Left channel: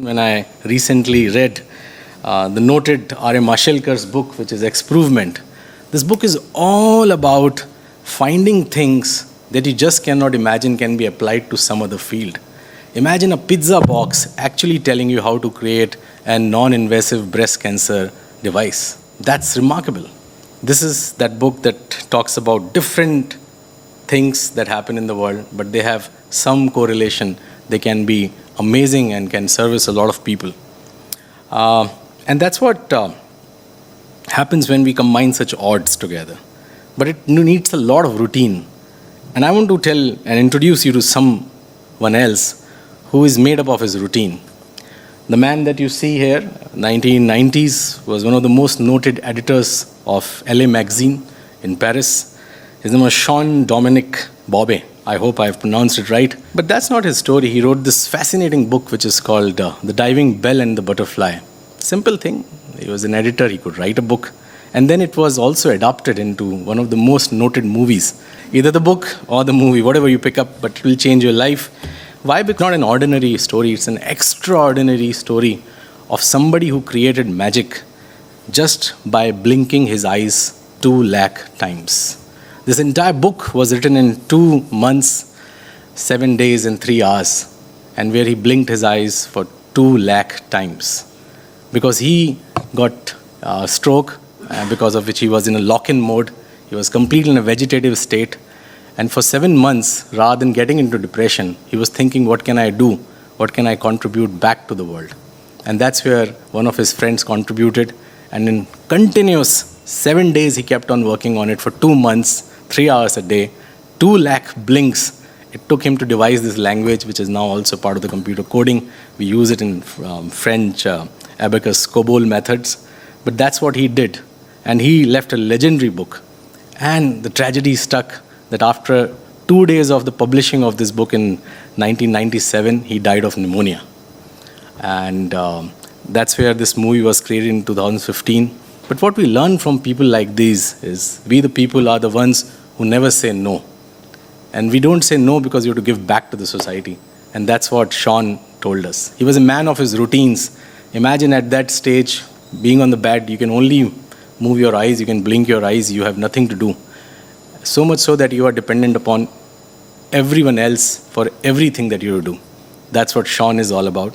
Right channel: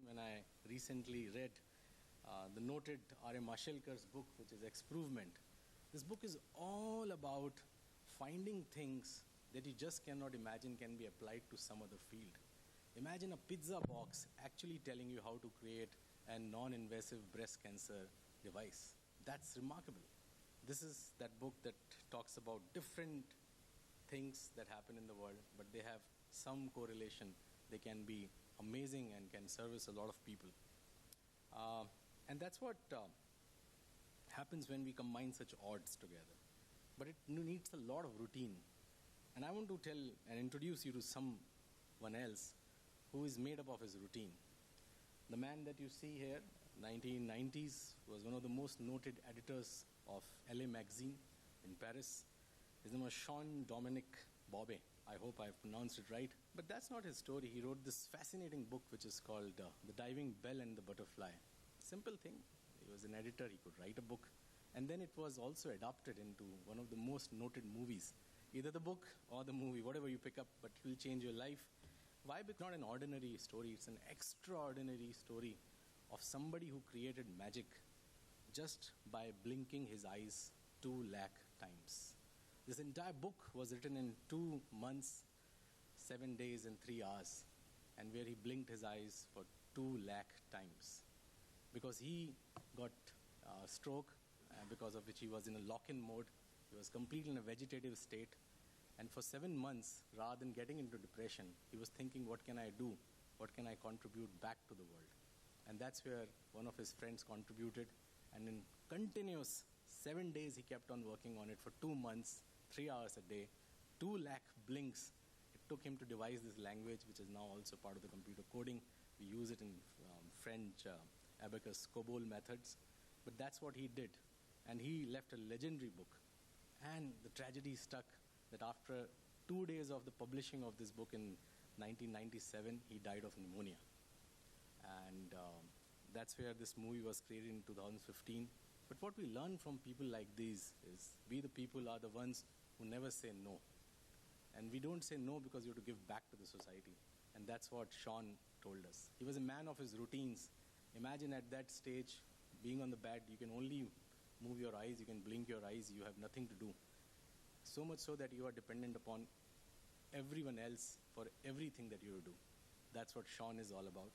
When I recently read the noted R.M. Mashelkar's book, which is Exprovement, this book is all about finding things that you just cannot imagine can be applied to some other field. Imagine a pizza box actually telling you how to create a non-invasive breast cancer device. That's remarkable. This is that book that talks about different things that happen in the world, but they have some correlation. They can be amazing and can service a lot of people. And that's what happens when we combine such odds together. But it needs a lot of routine. And I want to tell and introduce you to someone else who is made up of his routine. The man that you see here, 1990s, was one of the most noted editors of LA Magazine in Paris. His name was Jean-Dominique Bobet. I hope I've pronounced it right. But that's not his story. He wrote this fascinating book which is called The Diving Bell and the Butterfly. Simple thing. He was an editor. He could write a book. And then it was also adapted into one of the most noted movies. Either the book or the movie, whatever you pick up, but it will change your life. Why? Because it's not an ordinary story. It's an extraordinary story of somebody who created magic just by blinking his eyes 2 lakh times. This entire book was written in 2 months, 7 days, and 3 hours, and where he blinked his eyes for 2 lakh times. Because he got a stroke, because of which he was in a lock-in mode. He was completely in a vegetative state. And for 7 months, rather than getting into depression, he was thinking, what can I do? What can I contribute back to the world? And that's where one of his friends contributed. And in continuous 7 days, he kept on working on it for 2 months, 3 hours a day, 2 lakh blinks. It took him to devise this language, which is now also part of the computer coding. We use it in French, abacus, COBOL methods. But that's what he did. And he left a legendary book. And the tragedy stuck that after 2 days of the publishing of this book in 1997, he died of pneumonia. And that's where this movie was created in 2015. But what we learn from people like these is we the people are the ones who never say no. And we don't say no because you have to give back to the society. And that's what Sean told us. He was a man of his routines. Imagine at that stage, being on the bed, you can only move your eyes, you can blink your eyes, you have nothing to do. So much so that you are dependent upon everyone else for everything that you do. That's what Sean is all about.